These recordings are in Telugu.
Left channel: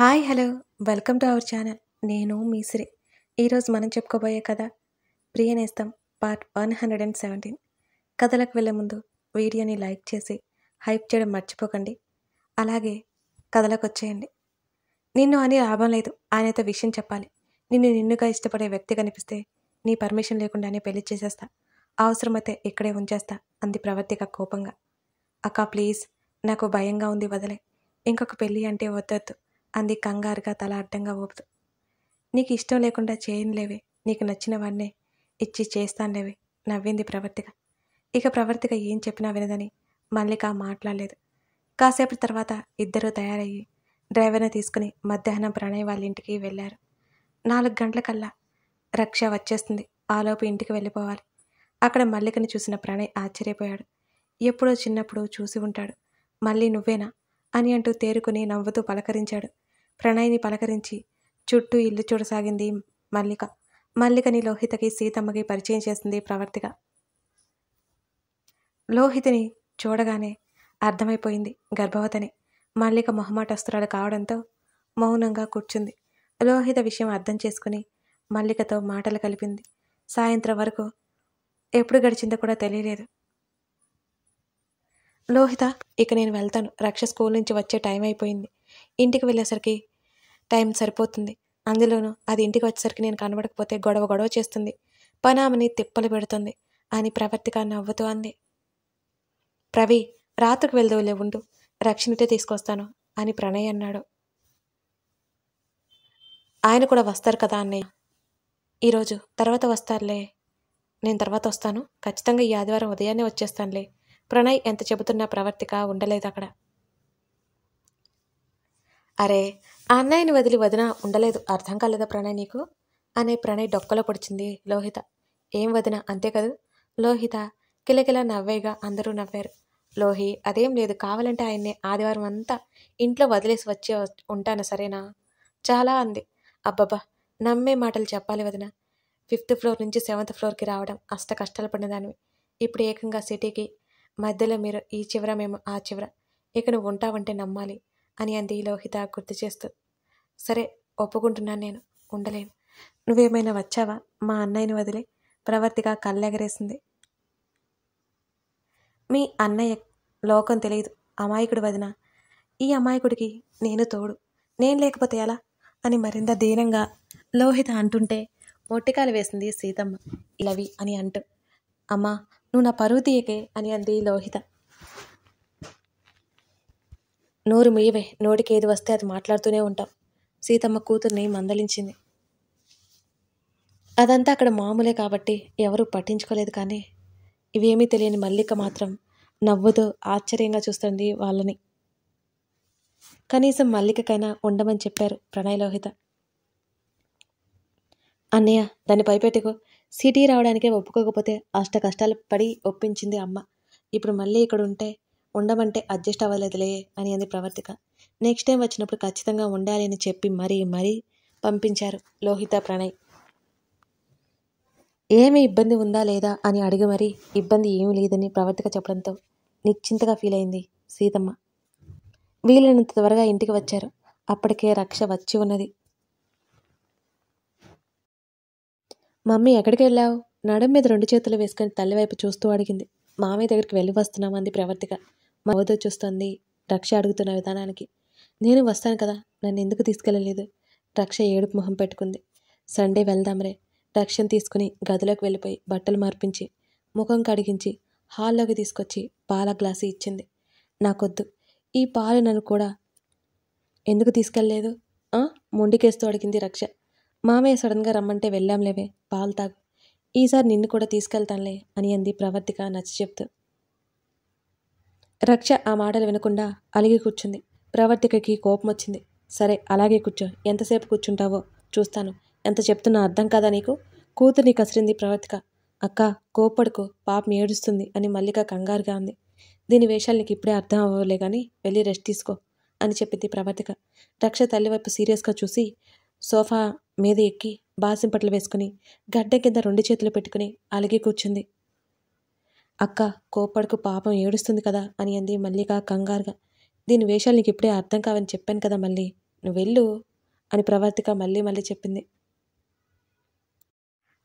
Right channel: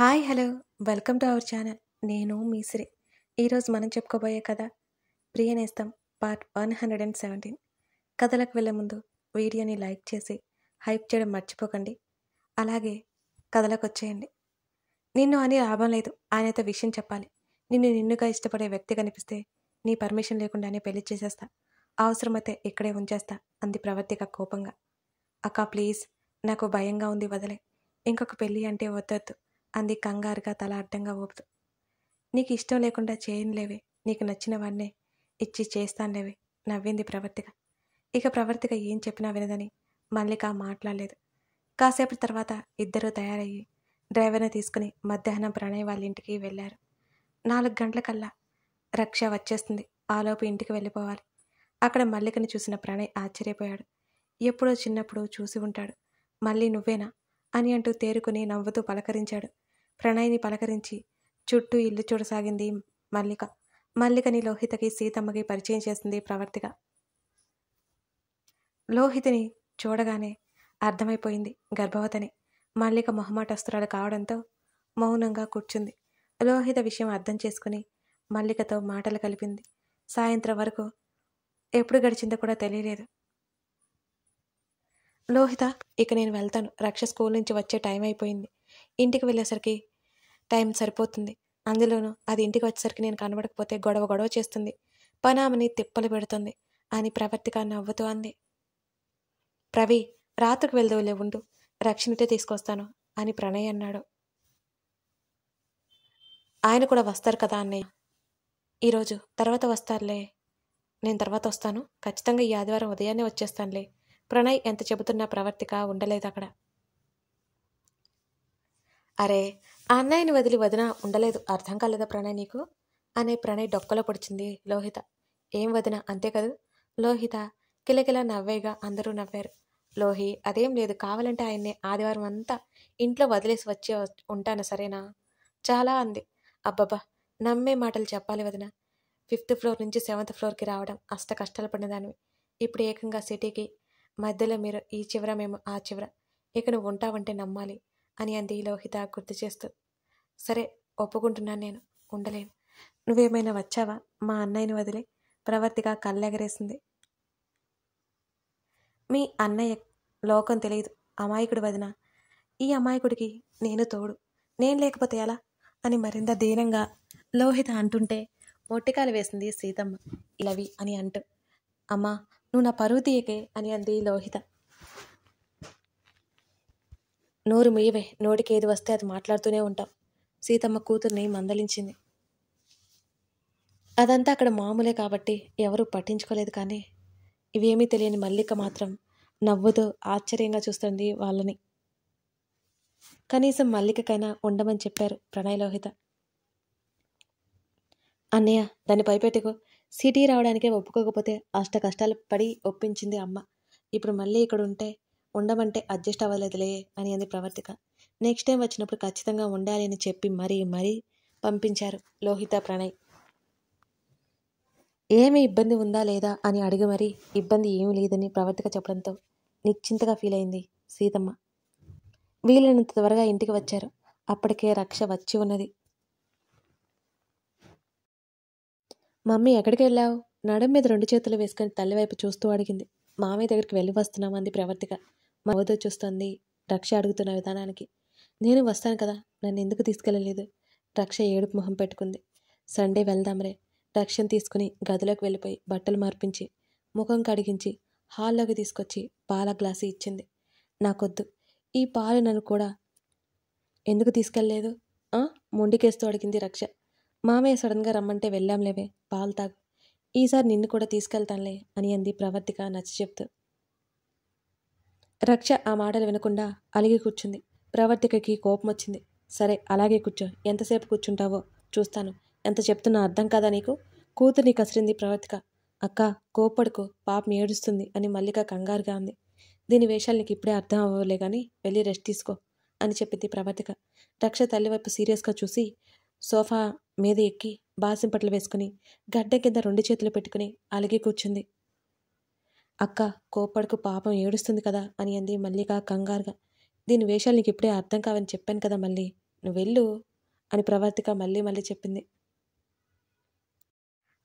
Hi hello welcome to our channel. నేను మీసిరి. ఈరోజు మనం చెప్పుకోబోయే కథ ప్రియనేస్తం పార్ట్ 117. కథలకు వెళ్ళే ముందు వీడియోని లైక్ చేసి హైప్ చేయడం మర్చిపోకండి. అలాగే కథలకు వచ్చేయండి. నిన్ను అని లాభం లేదు, ఆయనతో విషయం చెప్పాలి. నిన్నుగా ఇష్టపడే వ్యక్తి కనిపిస్తే నీ పర్మిషన్ లేకుండానే పెళ్లి చేసేస్తా, అవసరమైతే ఇక్కడే ఉంచేస్తా అంది ప్రవర్తిక కోపంగా. అక్క ప్లీజ్, నాకు భయంగా ఉంది, వదిలే. ఇంకొక పెళ్ళి అంటే వద్దొద్దు అంది కంగారుగా తల అడ్డంగా ఊపుతూ. నీకు ఇష్టం లేకుండా చేయనులేవే, నీకు నచ్చిన వాడినే ఇచ్చి చేస్తానులేవే నవ్వింది ప్రవర్తిక. ఇక ప్రవర్తిక ఏం చెప్పినా వినదని మల్లిక మాట్లాడలేదు. కాసేపటి తర్వాత ఇద్దరూ తయారయ్యి డ్రైవర్ని తీసుకుని మధ్యాహ్నం ప్రణయ్ వాళ్ళ ఇంటికి వెళ్ళారు. 4 గంటలకల్లా రక్ష వచ్చేస్తుంది, ఆలోపు ఇంటికి వెళ్ళిపోవాలి. అక్కడ మల్లికని చూసిన ప్రణయ్ ఆశ్చర్యపోయాడు. ఎప్పుడో చిన్నప్పుడు చూసి ఉంటాడు. మళ్ళీ నువ్వేనా అని అంటూ తేరుకుని నవ్వుతూ పలకరించాడు. ప్రణయ్ని పలకరించి చుట్టూ ఇల్లు చూడసాగింది మల్లిక. మల్లికని లోహితకి సీతమ్మకి పరిచయం చేసింది ప్రవర్తిక. లోహితని చూడగానే అర్థమైపోయింది గర్భవతిని. మల్లిక మొహమాటస్తురాలు కావడంతో మౌనంగా కూర్చుంది. లోహిత విషయం అర్థం చేసుకుని మల్లికతో మాటలు కలిపింది. సాయంత్రం వరకు ఎప్పుడు గడిచిందో కూడా తెలియలేదు. లోహిత, ఇక నేను వెళ్తాను. రక్ష స్కూల్ నుంచి వచ్చే టైం అయిపోయింది. ఇంటికి వెళ్ళేసరికి టైం సరిపోతుంది. అందులోనూ అది ఇంటికి వచ్చేసరికి నేను కనబడకపోతే గొడవ చేస్తుంది, పనామని తిప్పలు పెడుతుంది అని ప్రవర్తిక నవ్వుతూ అంది. ప్రవి, రాత్రికి వెళ్దవులే, ఉండు, రక్షణటే తీసుకొస్తాను అని ప్రణయ్ అన్నాడు. ఆయన కూడా వస్తారు కదా అన్నయ్య. ఈరోజు తర్వాత వస్తారులే, నేను తర్వాత వస్తాను. ఖచ్చితంగా ఈ ఆదివారం ఉదయాన్నే వచ్చేస్తానులే. ప్రణయ్ ఎంత చెబుతున్నా ప్రవర్తిక ఉండలేదు అక్కడ. అరే, ఆ అన్నయ్యని వదిలి వదిన ఉండలేదు, అర్థం కాలేదా ప్రణయ్ నీకు అనే ప్రణయ్ డొక్కలో పొడిచింది లోహిత. ఏం వదిన, అంతే కదూ? లోహిత కిలకిలా నవ్వేగా అందరూ నవ్వారు. లోహి, అదేం లేదు, కావాలంటే ఆయన్ని ఆదివారం అంతా ఇంట్లో వదిలేసి వచ్చి ఉంటాను, సరేనా? చాలా అంది. అబ్బబ్బా, నమ్మే మాటలు చెప్పాలి వదిన. 5th ఫ్లోర్ నుంచి 7th ఫ్లోర్కి రావడం అష్ట కష్టాలు పడినదానివి. ఇప్పుడు ఏకంగా సిటీకి మధ్యలో, మీరు ఈ చివర మేము ఆ చివర. ఇక నువ్వు ఉంటావంటే నమ్మాలి అని అంది లోహిత గుర్తు చేస్తూ. సరే, ఒప్పుకుంటున్నాను, నేను ఉండలేను. నువ్వేమైనా వచ్చావా మా అన్నయ్యని వదిలే? ప్రవర్తిక కళ్ళెగరేసింది. మీ అన్నయ్య లోకం తెలియదు, అమాయకుడు వదిన. ఈ అమాయకుడికి నేను తోడు, నేను లేకపోతే ఎలా అని మరింత దీనంగా లోహిత అంటుంటే మొట్టికాయలు వేసింది సీతమ్మ. ఇలవి అని అంటూ. అమ్మా, నువ్వు నా పరువు తీయకే అని అంది లోహిత. నోరు మీయవే, నోటికి ఏది వస్తే అది మాట్లాడుతూనే ఉంటాం. సీతమ్మ కూతుర్ని మందలించింది. అదంతా అక్కడ మామూలే కాబట్టి ఎవరూ పట్టించుకోలేదు. కానీ ఇవేమీ తెలియని మల్లిక మాత్రం నవ్వుతూ ఆశ్చర్యంగా చూస్తుంది వాళ్ళని. కనీసం మల్లికకైనా ఉండమని చెప్పారు ప్రణయ్ లోహిత. అన్నయ్య, దాన్ని పైపెట్టుకో. సిటీ రావడానికే ఒప్పుకోకపోతే అష్ట కష్టాలు పడి ఒప్పించింది అమ్మ. ఇప్పుడు మళ్ళీ ఇక్కడ ఉండమంటే అడ్జస్ట్ అవ్వలేదులే అని అంది ప్రవర్తిక. నెక్స్ట్ టైం వచ్చినప్పుడు ఖచ్చితంగా ఉండాలి అని చెప్పి మరీ పంపించారు లోహిత ప్రణయ్. ఏమి ఇబ్బంది ఉందా లేదా అని అడిగి మరీ ఇబ్బంది ఏమీ లేదని ప్రవర్తిక చెప్పడంతో నిశ్చింతగా ఫీల్ అయింది సీతమ్మ. వీలైనంత త్వరగా ఇంటికి వచ్చారు. అప్పటికే రక్ష వచ్చి ఉన్నది. మమ్మీ, ఎక్కడికి వెళ్ళావు? నడుం మీద 2 చేతులు వేసుకొని తల్లివైపు చూస్తూ అడిగింది. మామయ్య దగ్గరికి వెళ్ళి వస్తున్నామంది ప్రవర్తిక. మవతో చూస్తుంది రక్ష అడుగుతున్న విధానానికి. నేను వస్తాను కదా, నన్ను ఎందుకు తీసుకెళ్ళలేదు? రక్ష ఏడుపు మొహం పెట్టుకుంది. సండే వెళ్దాంరే. రక్షను తీసుకుని గదిలోకి వెళ్ళిపోయి బట్టలు మార్పించి ముఖం కడిగించి హాల్లోకి తీసుకొచ్చి పాల గ్లాసు ఇచ్చింది. నాకొద్దు, ఈ పాలు నన్ను కూడా ఎందుకు తీసుకెళ్ళలేదు మొండికేస్తూ అడిగింది రక్ష. మామయ్య సడన్గా రమ్మంటే వెళ్ళాంలేవే, పాలు తాగు. ఈసారి నిన్ను కూడా తీసుకెళ్తానులే అని అంది ప్రవర్తిక నచ్చ చెప్తూ. రక్ష ఆ మాటలు వినకుండా అలిగి కూర్చుంది. ప్రవర్తికకి కోపం వచ్చింది. సరే, అలాగే కూర్చో, ఎంతసేపు కూర్చుంటావో చూస్తాను. ఎంత చెప్తున్నా అర్థం కాదా నీకు? కూతుర్ని కసిరింది ప్రవర్తిక. అక్క, కోప్పడుకో, పాపం ఏడుస్తుంది అని మల్లిక కంగారుగా అంది. దీని వేషాలు నీకు ఇప్పుడే అర్థం అవ్వలే కానీ వెళ్ళి రెస్ట్ తీసుకో అని చెప్పింది ప్రవర్తిక. రక్ష తల్లివైపు సీరియస్గా చూసి సోఫా మీద ఎక్కి బాసింపట్లు వేసుకుని గడ్డ కింద 2 చేతులు పెట్టుకుని అలిగి కూర్చుంది. అక్క, కోప్పడుకు, పాపం ఏడుస్తుంది కదా అని అంది మల్లిక కంగారుగా. దీని వేషాలు నీకు ఇప్పుడే అర్థం కావని చెప్పాను కదా మళ్ళీ నువ్వు వెళ్ళు అని ప్రవర్తిక మళ్ళీ మళ్ళీ చెప్పింది.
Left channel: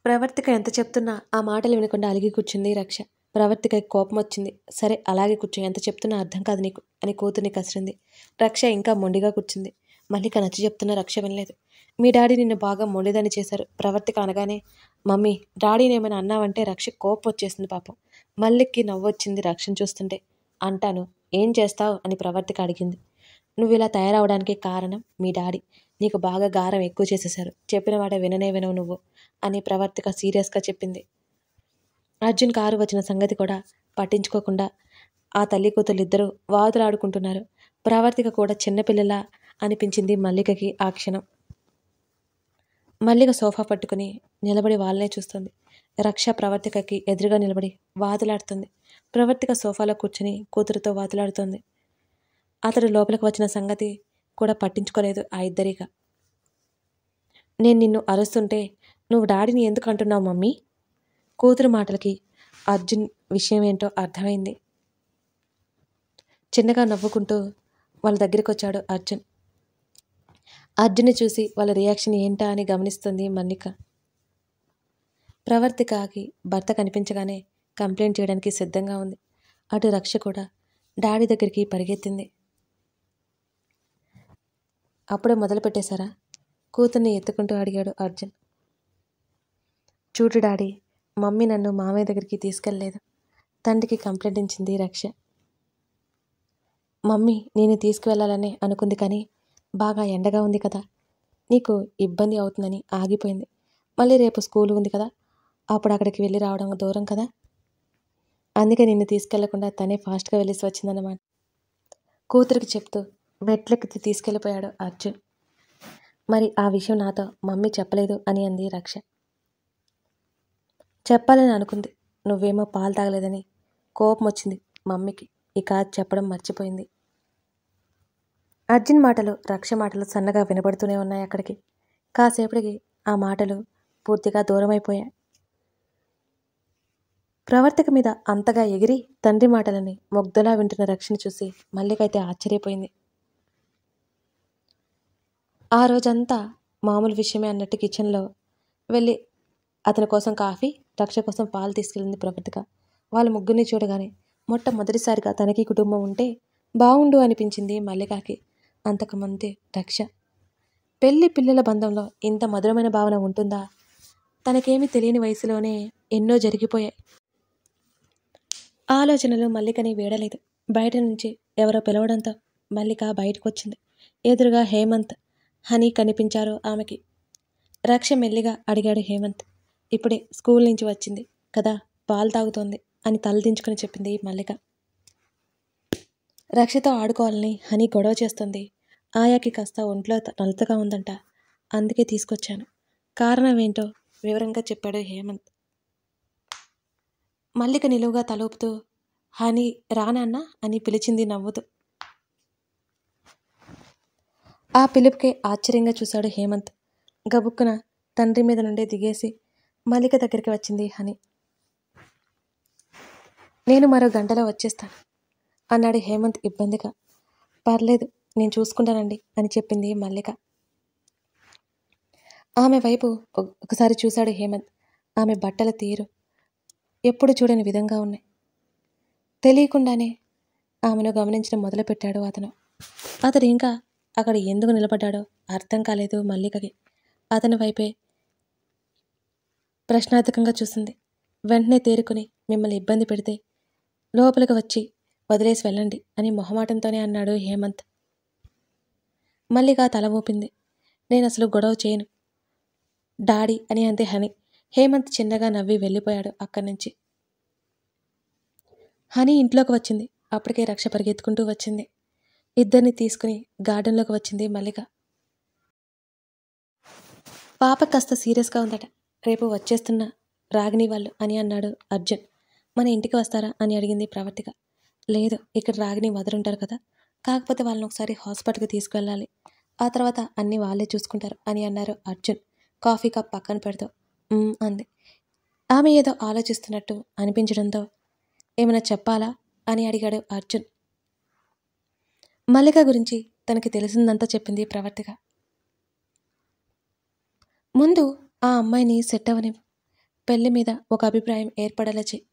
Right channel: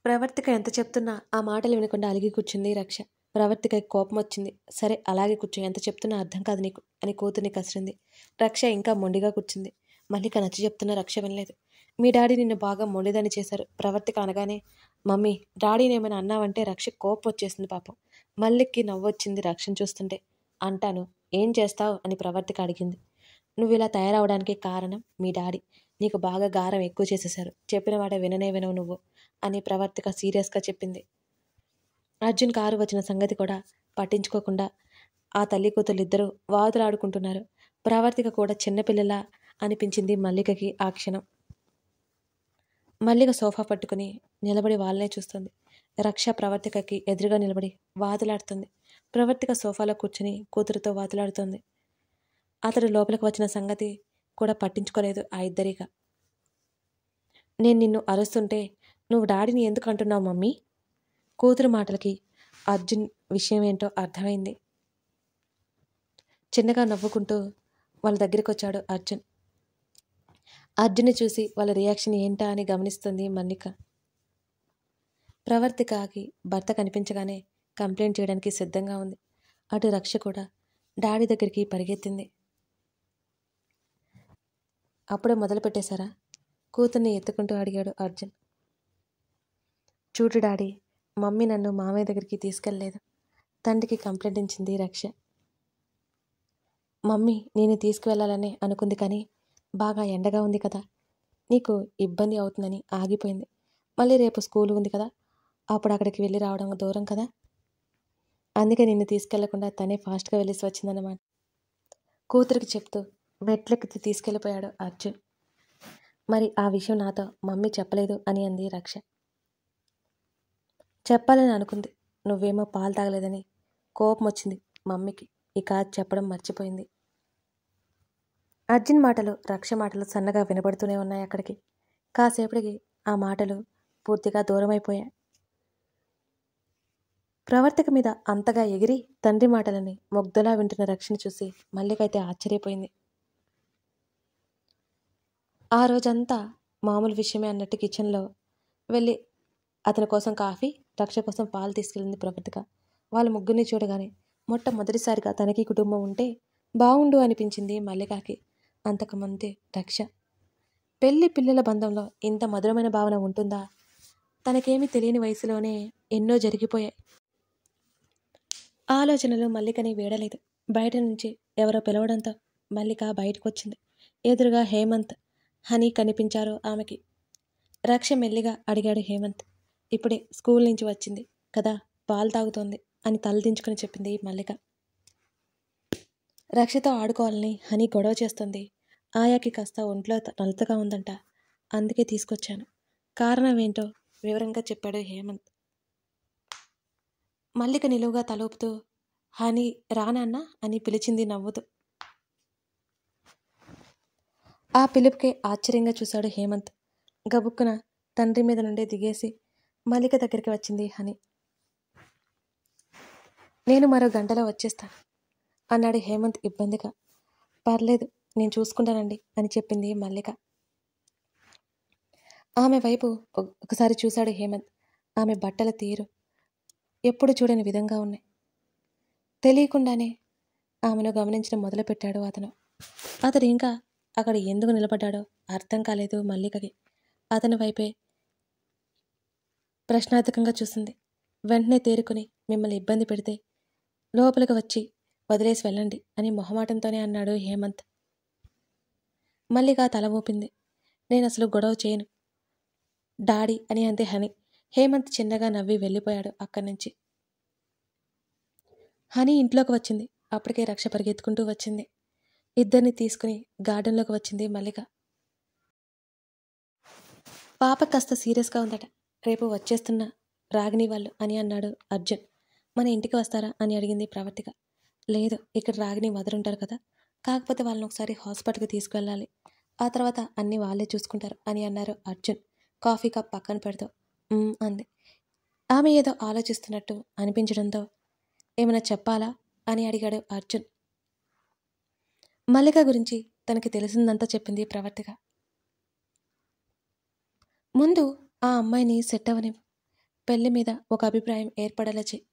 ప్రవర్తిక ఎంత చెప్తున్నా ఆ మాటలు వినకుండా అలిగి కూర్చుంది రక్ష. ప్రవర్తికకి కోపం వచ్చింది. సరే అలాగే కూర్చో, ఎంత చెప్తున్నా అర్థం కాదు నీకు అని కూతుర్ని కసిరింది. రక్ష ఇంకా మొండిగా కూర్చుంది. మల్లిక నచ్చ చెప్తున్న రక్ష వినలేదు. మీ డాడీ నిన్ను బాగా మొండిదని చేశారు. ప్రవర్తిక అనగానే మమ్మీ డాడీని ఏమైనా అన్నావంటే రక్ష కోపం వచ్చేసింది పాపం. మల్లిక్కి నవ్వొచ్చింది రక్షను చూస్తుంటే. అంటాను, ఏం చేస్తావు అని ప్రవర్తిక అడిగింది. నువ్వు ఇలా తయారవడానికి కారణం మీ డాడీ. నీకు బాగా గారం ఎక్కువ చేసేశారు. చెప్పిన వాడే విననే వినవు నువ్వు అని ప్రవర్తిక సీరియస్గా చెప్పింది. అర్జున్ కారు వచ్చిన సంగతి కూడా పట్టించుకోకుండా ఆ తల్లి కూతుళ్ళిద్దరూ వాదులాడుకుంటున్నారు. ప్రవర్తిక కూడా చిన్నపిల్లలా అనిపించింది మల్లికకి ఆ క్షణం. మల్లిక సోఫా పట్టుకుని నిలబడి వాళ్ళనే చూస్తుంది. రక్ష ప్రవర్తికకి ఎదురుగా నిలబడి వాదులాడుతుంది. ప్రవర్తిక సోఫాలో కూర్చుని కూతురుతో వాదులాడుతోంది. అతడు లోపలికి వచ్చిన సంగతి కూడా పట్టించుకోలేదు ఆ ఇద్దరిగా. నేను నిన్ను అరుస్తుంటే నువ్వు డాడీని ఎందుకు అంటున్నావు మమ్మీ? కూతురు మాటలకి అర్జున్ విషయం ఏంటో అర్థమైంది. చిన్నగా నవ్వుకుంటూ వాళ్ళ దగ్గరికి వచ్చాడు అర్జున్. అర్జున్ని చూసి వాళ్ళ రియాక్షన్ ఏంటా అని గమనిస్తుంది మల్లిక. ప్రవర్తికకి భర్త కనిపించగానే కంప్లైంట్ చేయడానికి సిద్ధంగా ఉంది. అటు రక్ష కూడా డాడీ దగ్గరికి పరిగెత్తింది. అప్పుడే మొదలు పెట్టేశారా? కూతుర్ని ఎత్తుకుంటూ అడిగాడు అర్జున్. చూడు డాడీ, మమ్మీ నన్ను మామయ్య దగ్గరికి తీసుకెళ్ళలేదు. తండ్రికి కంప్లైంట్ ఇచ్చింది రక్ష. మమ్మీ నేను తీసుకువెళ్ళాలని అనుకుంది, కానీ బాగా ఎండగా ఉంది కదా, నీకు ఇబ్బంది అవుతుందని ఆగిపోయింది. మళ్ళీ రేపు స్కూల్ ఉంది కదా, అప్పుడు అక్కడికి వెళ్ళి రావడం దూరం కదా, అందుకే నిన్ను తీసుకెళ్లకుండా తనే ఫాస్ట్గా వెళ్ళేసి వచ్చిందన్నమాట. కూతురికి చెప్తూ మెట్లెక్కి తీసుకెళ్ళిపోయాడు అర్జున్. మరి ఆ విషయం నాతో మమ్మీ చెప్పలేదు అని అంది రక్ష. చెప్పాలని అనుకుంది, నువ్వేమో పాలు తాగలేదని కోపం వచ్చింది మమ్మీకి. ఇక చెప్పడం మర్చిపోయింది. అర్జున్ మాటలు రక్ష మాటలు సన్నగా వినబడుతూనే ఉన్నాయి అక్కడికి. కాసేపటికి ఆ మాటలు పూర్తిగా దూరమైపోయాయి. ప్రవర్తిక మీద అంతగా ఎగిరి తండ్రి మాటలని ముగ్ధలా వింటున్న రక్షని చూసి మల్లికైతే ఆశ్చర్యపోయింది. ఆ రోజంతా మామూలు విషయమే అన్నట్టు కిచెన్లో వెళ్ళి అతని కోసం కాఫీ, రక్ష కోసం పాలు తీసుకెళ్ళింది ప్రవర్తిక. వాళ్ళ ముగ్గురిని చూడగానే మొట్టమొదటిసారిగా తనకి కుటుంబం ఉంటే బాగుండు అనిపించింది మల్లికకి. అంతకుముందే రక్ష. పెళ్లి పిల్లల బంధంలో ఇంత మధురమైన భావన ఉంటుందా? తనకేమీ తెలియని వయసులోనే ఎన్నో జరిగిపోయాయి. ఆలోచనలు మల్లికని వీడలేదు. బయట నుంచి ఎవరో పిలవడంతో మల్లిక బయటకు వచ్చింది. ఎదురుగా హేమంత్, హనీ కనిపించారు ఆమెకి. రక్ష మెల్లిగా అడిగాడు హేమంత్. ఇప్పుడే స్కూల్ నుంచి వచ్చింది కదా, పాలు తాగుతోంది అని తలదించుకుని చెప్పింది మల్లిక. రక్షతో ఆడుకోవాలని హనీ గొడవ చేస్తుంది. ఆయాకి కాస్త ఒంట్లో నలతగా ఉందంట, అందుకే తీసుకొచ్చాను. కారణం ఏంటో వివరంగా చెప్పాడు హేమంత్. మల్లిక నిలువుగా తలూపుతూ హనీ రానన్నా అని పిలిచింది నవ్వుతూ. ఆ పిలుపుకే ఆశ్చర్యంగా చూశాడు హేమంత్. గబుక్కున తండ్రి మీద నుండే దిగేసి మల్లిక దగ్గరికి వచ్చింది హనీ. నేను మరో గంటలో వచ్చేస్తాను అన్నాడు హేమంత్ ఇబ్బందిగా. పర్లేదు, నేను చూసుకుంటానండి అని చెప్పింది మల్లిక. ఆమె వైపు ఒకసారి చూశాడు హేమంత్. ఆమె బట్టల తీరు ఎప్పుడు చూడని విధంగా ఉన్నాయి. తెలియకుండానే ఆమెను గమనించడం మొదలుపెట్టాడు అతను. అతడు ఇంకా అక్కడ ఎందుకు నిలబడ్డాడో అర్థం కాలేదు మల్లికకి. అతని వైపే ప్రశ్నార్థకంగా చూసింది. వెంటనే తేరుకుని, మిమ్మల్ని ఇబ్బంది పెడితే లోపలికి వచ్చి వదిలేసి వెళ్ళండి అని మొహమాటంతోనే అన్నాడు హేమంత్. మల్లిక తల ఊపింది. నేను అసలు గొడవ చేయను డాడీ అని అంతే హనీ. హేమంత్ చిన్నగా నవ్వి వెళ్ళిపోయాడు అక్కడి నుంచి. హనీ ఇంట్లోకి వచ్చింది. అప్పటికే రక్ష పరిగెత్తుకుంటూ వచ్చింది. ఇద్దరిని తీసుకుని గార్డెన్లోకి వచ్చింది మల్లిక. పాప కాస్త సీరియస్గా ఉందట, రేపు వచ్చేస్తున్న రాగిని వాళ్ళు అని అన్నాడు అర్జున్. మన ఇంటికి వస్తారా అని అడిగింది ప్రవర్తిక. లేదు, ఇక్కడ రాగిని వదరుంటారు కదా, కాకపోతే వాళ్ళని ఒకసారి హాస్పిటల్కి తీసుకువెళ్ళాలి, ఆ తర్వాత అన్నీ వాళ్ళే చూసుకుంటారు అని అన్నారు అర్జున్ కాఫీ కప్ పక్కన పెడుతూ. అంది. ఆమె ఏదో ఆలోచిస్తున్నట్టు అనిపించడంతో ఏమైనా చెప్పాలా అని అడిగాడు అర్జున్. మల్లిక గురించి తనకి తెలిసిందంతా చెప్పింది ప్రవర్తిక. ముందు ఆ అమ్మాయిని సెట్ అవని, పెళ్లి మీద ఒక అభిప్రాయం ఏర్పడేలా చెయ్యి.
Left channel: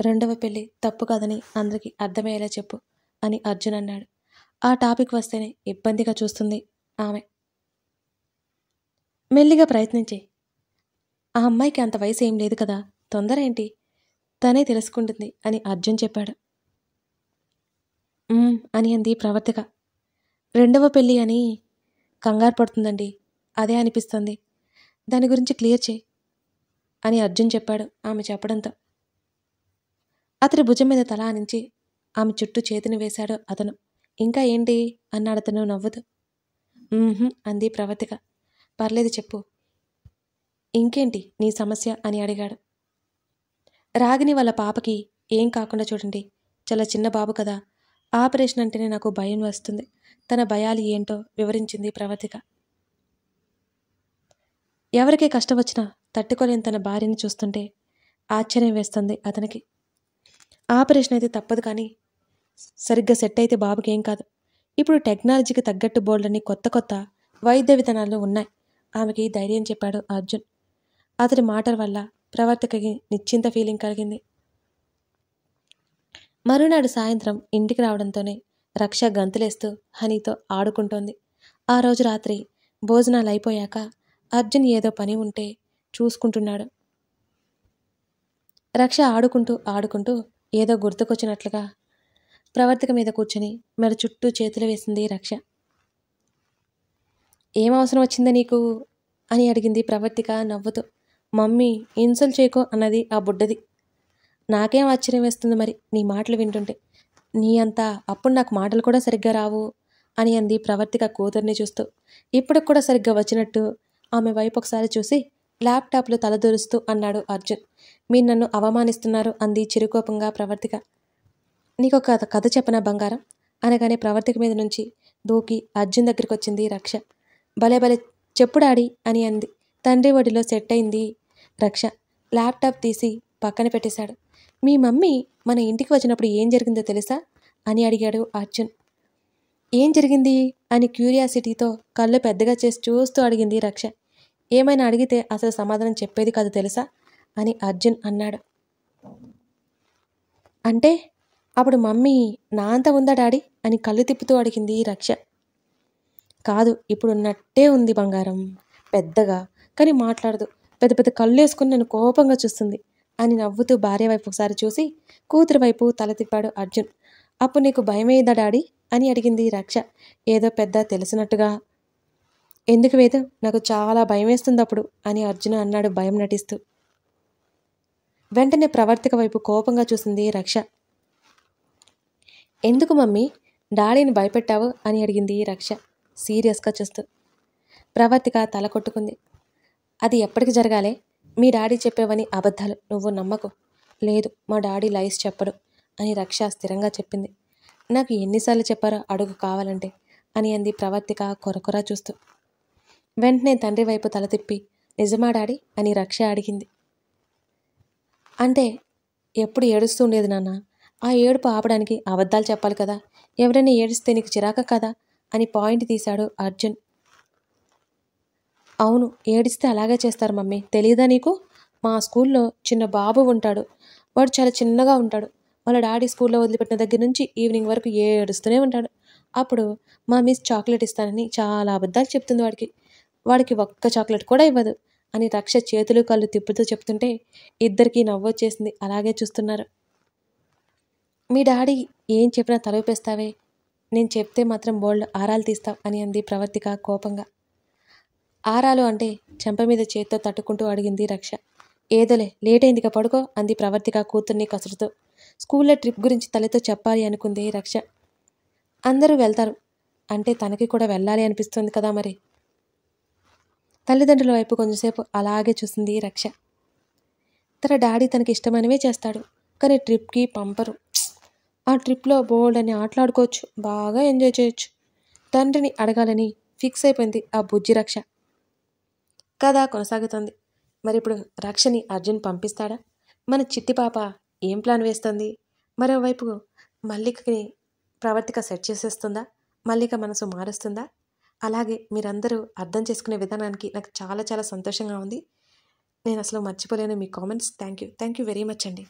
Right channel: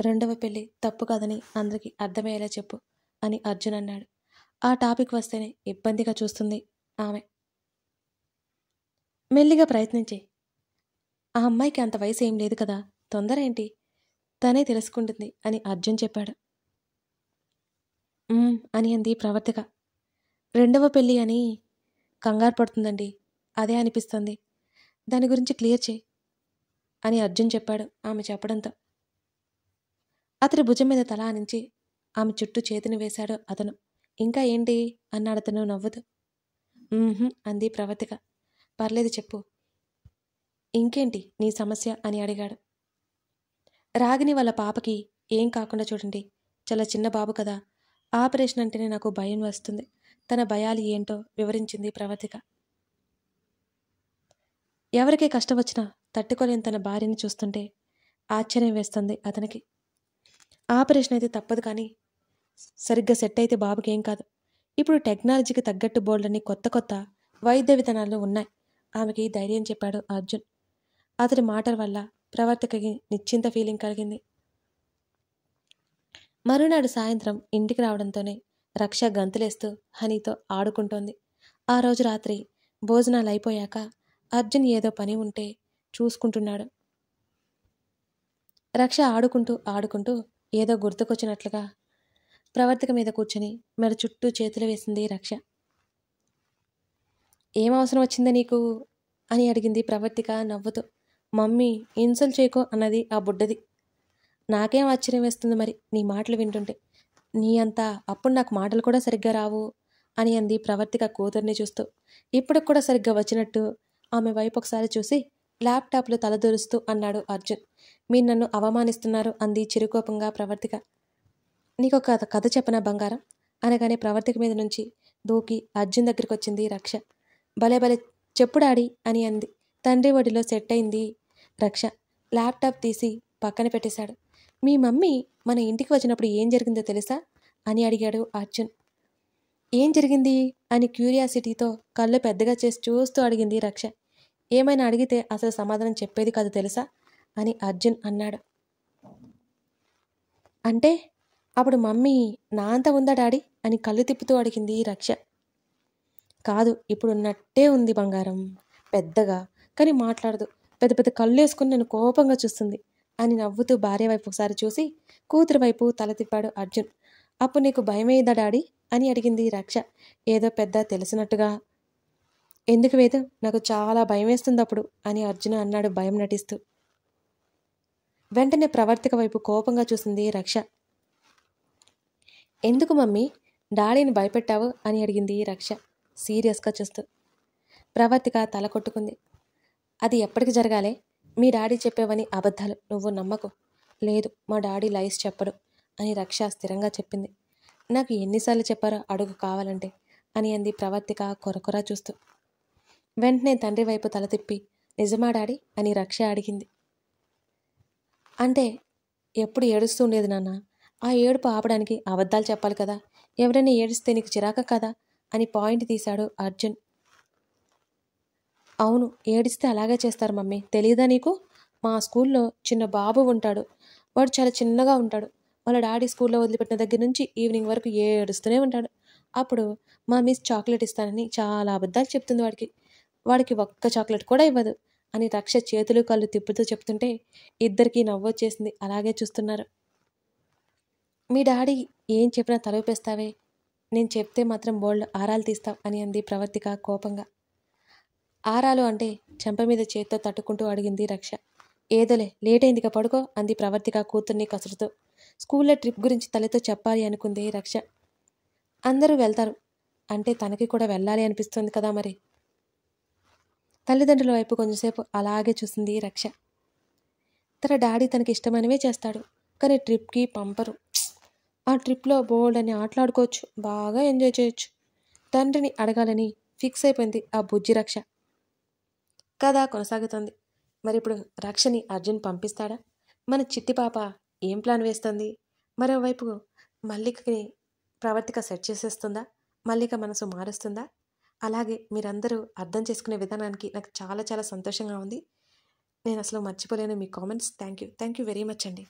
రెండవ పెళ్లి తప్పు కాదని అందరికీ అర్థమయ్యేలా చెప్పు అని అర్జున్ అన్నాడు. ఆ టాపిక్ వస్తేనే ఇబ్బందిగా చూస్తుంది ఆమె. మెల్లిగా ప్రయత్నించే. ఆ అమ్మాయికి అంత వయసు ఏం లేదు కదా, తొందర ఏంటి, తనే తెలుసుకుంటుంది అని అర్జున్ చెప్పాడు. అని అంది ప్రవర్తిక. రెండవ పెళ్ళి అని కంగారు పడుతుందండి, అదే అనిపిస్తుంది, దాని గురించి క్లియర్ చేయి అని అర్జున్ చెప్పాడు ఆమె చెప్పడంతో. అతడి భుజం మీద తల ఆనించి ఆమె చుట్టూ చేతిని వేశాడు అతను. ఇంకా ఏంటి అన్నాడు అతను నవ్వుతూ. అంది ప్రవర్తిక. పర్లేదు చెప్పు, ఇంకేంటి నీ సమస్య అని అడిగాడు. రాగిని వాళ్ళ పాపకి ఏం కాకుండా చూడండి, చాలా చిన్న బాబు కదా, ఆపరేషన్ అంటేనే నాకు భయం వస్తుంది. తన భయాలు ఏంటో వివరించింది ప్రవర్తిక. ఎవరికే కష్టం వచ్చినా తట్టుకోలేని తన భార్యని చూస్తుంటే ఆశ్చర్యం వేస్తుంది అతనికి. ఆపరేషన్ అయితే తప్పదు, కానీ సరిగ్గా సెట్ అయితే బాబుకి ఏం కాదు. ఇప్పుడు టెక్నాలజీకి తగ్గట్టు బోల్డని కొత్త కొత్త వైద్య విధానాలు ఉన్నాయి ఆమెకి ధైర్యం చెప్పాడు అర్జున్. అతడి మాటల వల్ల ప్రవర్తికకి నిశ్చింత ఫీలింగ్ కలిగింది. మరునాడు సాయంత్రం ఇంటికి రావడంతోనే రక్ష గంతులేస్తూ హనీతో ఆడుకుంటోంది. ఆ రోజు రాత్రి భోజనాలు అయిపోయాక అర్జున్ ఏదో పని ఉంటే చూసుకుంటున్నాడు. రక్ష ఆడుకుంటూ ఆడుకుంటూ ఏదో గుర్తుకొచ్చినట్లుగా ప్రవర్తిక మీద కూర్చుని మెడ చుట్టూ చేతులు వేసింది రక్ష. ఏం అవసరం వచ్చిందా నీకు అని అడిగింది ప్రవర్తిక నవ్వుతూ. మమ్మీ ఇన్సల్ట్ చేయకో అన్నది ఆ బుడ్డది. నాకేం ఆశ్చర్యం వేస్తుంది మరి నీ మాటలు వింటుంటే, నీ అంతా అప్పుడు నాకు మాటలు కూడా సరిగ్గా రావు అని అంది ప్రవర్తిక కూతుర్ని చూస్తూ. ఇప్పుడు కూడా సరిగ్గా వచ్చినట్టు ఆమె వైపు ఒకసారి చూసి ల్యాప్టాప్లో తలదూరుస్తూ అన్నాడు అర్జున్. మీరు నన్ను అవమానిస్తున్నారు అంది చిరుకోపంగా ప్రవర్తిక. నీకొక కథ చెప్పనా బంగారం అనగానే ప్రవర్తిక మీద నుంచి దూకి అర్జున్ దగ్గరికి వచ్చింది రక్ష. భలే భలే చెప్పు డాడీ అని అంది. తండ్రి ఒడిలో సెట్ అయింది రక్ష. ల్యాప్టాప్ తీసి పక్కన పెట్టేశాడు. మీ మమ్మీ మన ఇంటికి వచ్చినప్పుడు ఏం జరిగిందో తెలుసా అని అడిగాడు అర్జున్. ఏం జరిగింది అని క్యూరియాసిటీతో కళ్ళు పెద్దగా చేసి చూస్తూ అడిగింది రక్ష. ఏమైనా అడిగితే అసలు సమాధానం చెప్పేది కాదు తెలుసా అని అర్జున్ అన్నాడు. అంటే అప్పుడు మమ్మీ నా అంత ఉందా డాడీ అని కళ్ళు తిప్పుతూ అడిగింది రక్ష. కాదు, ఇప్పుడున్నట్టే ఉంది బంగారం, పెద్దగా, కానీ మాట్లాడదు, పెద్ద పెద్ద కళ్ళు వేసుకుని నన్ను కోపంగా చూస్తుంది అని నవ్వుతూ భార్య వైపు ఒకసారి చూసి కూతురు వైపు తల తిప్పాడు అర్జున్. అప్పుడు నీకు భయమేదా డాడీ అని అడిగింది రక్ష ఏదో పెద్ద తెలిసినట్టుగా. ఎందుకు వేదు, నాకు చాలా భయం వేస్తుంది అప్పుడు అని అర్జున్ అన్నాడు భయం నటిస్తూ. వెంటనే ప్రవర్తిక వైపు కోపంగా చూసింది రక్ష. ఎందుకు మమ్మీ డాడీని భయపెట్టావు అని అడిగింది రక్ష సీరియస్గా చూస్తూ. ప్రవర్తిక తల కొట్టుకుంది. అది ఎప్పటికి జరగాలే, మీ డాడీ చెప్పేవని అబద్ధాలు, నువ్వు నమ్మకు. లేదు, మా డాడీ లైస్ చెప్పడు అని రక్ష స్థిరంగా చెప్పింది. నాకు ఎన్నిసార్లు చెప్పారో అడుగు కావాలంటే అని అంది ప్రవర్తిక కొరకొరా చూస్తూ. వెంటనే తండ్రి వైపు తల తిప్పి నిజమా డాడీ అని రక్ష అడిగింది. అంటే ఎప్పుడు ఏడుస్తూ ఉండేది నాన్న, ఆ ఏడుపు ఆపడానికి అబద్ధాలు చెప్పాలి కదా, ఎవరైనా ఏడిస్తే నీకు చిరాక కదా అని పాయింట్ తీశాడు అర్జున్. అవును, ఏడిస్తే అలాగే చేస్తారు మమ్మీ, తెలియదా నీకు? మా స్కూల్లో చిన్న బాబు ఉంటాడు, వాడు చాలా చిన్నగా ఉంటాడు. వాళ్ళ డాడీ స్కూల్లో వదిలిపెట్టిన దగ్గర నుంచి ఈవినింగ్ వరకు ఏడుస్తూనే ఉంటాడు. అప్పుడు మా మిస్ చాక్లెట్ ఇస్తానని చాలా అబద్ధాలు చెప్తుంది వాడికి ఒక్క చాక్లెట్ కూడా ఇవ్వదు అని రక్ష చేతులు కళ్ళు తిప్పుతూ చెప్తుంటే ఇద్దరికీ నవ్వొచ్చేసింది. అలాగే చూస్తున్నారు. మీ డాడీ ఏం చెప్పినా తలూపేస్తావే, నేను చెప్తే మాత్రం బోల్డ్ ఆరాలు తీస్తావు అని అంది ప్రవర్తిక కోపంగా. ఆరాలు అంటే చెంప మీద చేత్తో తట్టుకుంటూ అడిగింది రక్ష. ఏదోలే, లేట్ అయిందిగా పడుకో అంది ప్రవర్తిక కూతుర్ని కసురుతూ. స్కూల్లో ట్రిప్ గురించి తల్లితో చెప్పాలి అనుకుంది రక్ష. అందరూ వెళ్తారు అంటే తనకి కూడా వెళ్ళాలి అనిపిస్తుంది కదా మరి. తల్లిదండ్రుల వైపు కొంచెంసేపు అలాగే చూసింది రక్ష. తన డాడీ తనకి ఇష్టమైనవే చేస్తాడు, కానీ ట్రిప్కి పంపరు. ఆ ట్రిప్లో బోల్డ్ అని ఆటలాడుకోవచ్చు, బాగా ఎంజాయ్ చేయొచ్చు. తండ్రిని అడగాలని ఫిక్స్ అయిపోయింది ఆ బుజ్జి రక్ష. కథ కొనసాగుతుంది. మరి ఇప్పుడు రక్షని అర్జున్ పంపిస్తాడా? మన చిట్టి పాప ఏం ప్లాన్ వేస్తుంది? మరోవైపు మల్లికని ప్రవర్తిక సెట్ చేసేస్తుందా? మల్లిక మనసు మారుస్తుందా? అలాగే మీరందరూ అర్థం చేసుకునే విధానానికి నాకు చాలా చాలా సంతోషంగా ఉంది. నేను అసలు మర్చిపోలేను మీ comments. Thank you very much అండి.